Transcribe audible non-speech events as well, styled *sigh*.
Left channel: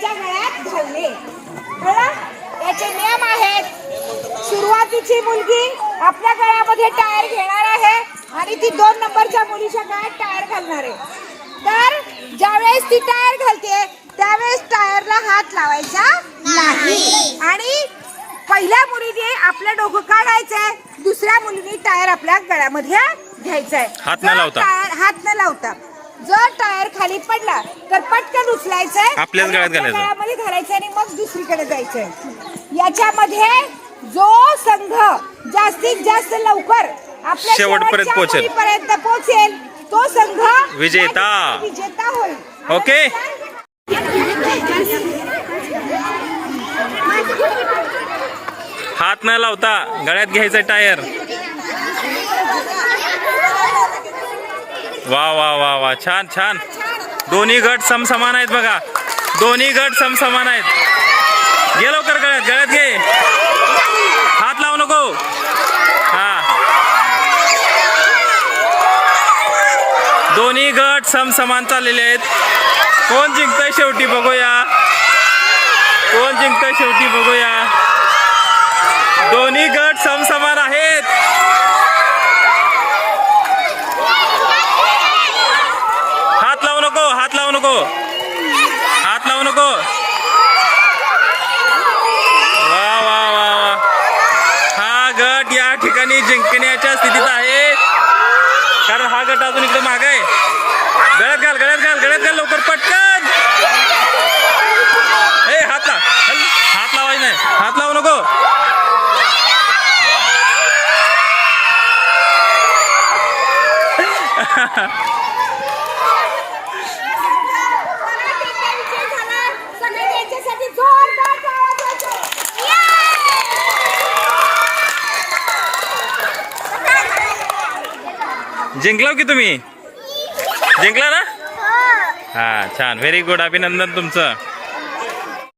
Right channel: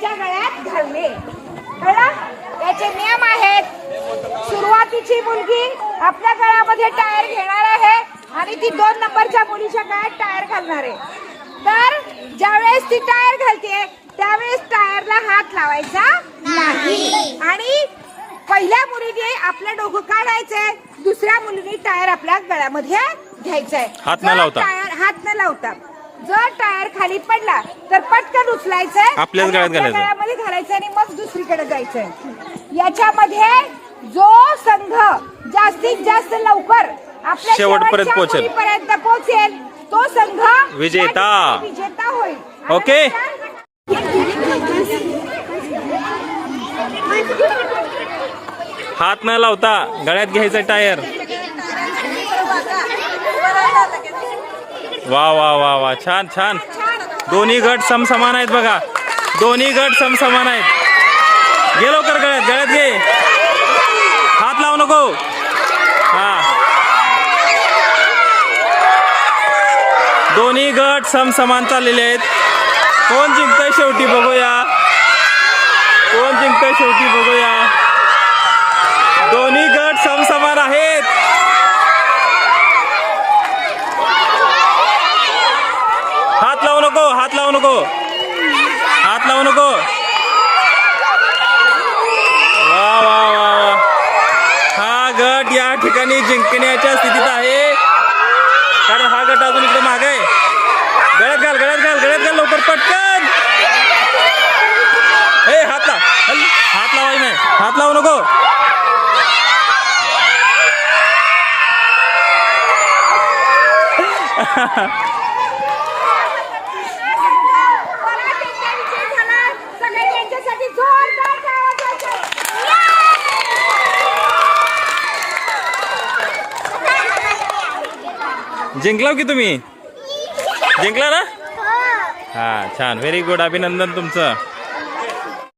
त्याच्या गळ्यात घालणे. याचे नियम आहेत. सुरुवातीची मुलगी आपल्या गळ्यामध्ये टायर घेणार आहे आणि ती दोन नंबरच्या मुलीच्या गळ्यात टायर घालणार आहे. तर ज्यावेळेस ती टायर घालते त्यावेळेस टायरला हात लावायचा नाही. आणि पहिल्या मुलीने आपलं डोकं काढायचंय दुसऱ्या मुलीने टायर आपल्या गळ्यामध्ये घ्यायचंय. आहे हात न लावता. हात न लावता. जर टायर खाली पडला तर पटकन उचलायचंय आपल्याच गळ्यात आपल्या घालायचं. गळ्यामध्ये घालायचं आणि मग दुसरीकडे जायचंय याच्यामध्ये जो संघ जास्तीत जास्त लवकर आपल्या शेवटपर्यंत पोहोचेल. मुलीपर्यंत पोहोचेल तो संघ विजेता. विजेता होईल ओके. हात न लावता गळ्यात घ्यायचं टायर वा वा वा वा. छान छान. दोन्ही गट समसमान आहेत बघा. दोन्ही गट समसमान आहेत. गे लवकर गळ्यात गळ्यात घे. हात लावू नको. हा. दोन्ही गट समसमान चाललेले आहेत. कोण जिंकतंय शेवटी बघूया. कोण जिंकतंय शेवटी बघूया. दोन्ही गट समसमान आहेत हात लावू नको हात लावू नको. हात लावू नको. वा वा वा वा. हा गट या ठिकाणी जिंकण्याच्या स्थितीत आहे. कारण हा गट अजून इकडे माग आहे. गळत घाल गळत घाल गळत घाल लवकर पटकन. ए हात ला हात लावायचं नाही. हात लावू नको. *laughs* जिंकलाव की तुम्ही? जिंकला ना? हा. छान. व्हेरी गुड अभिनंदन तुमचं.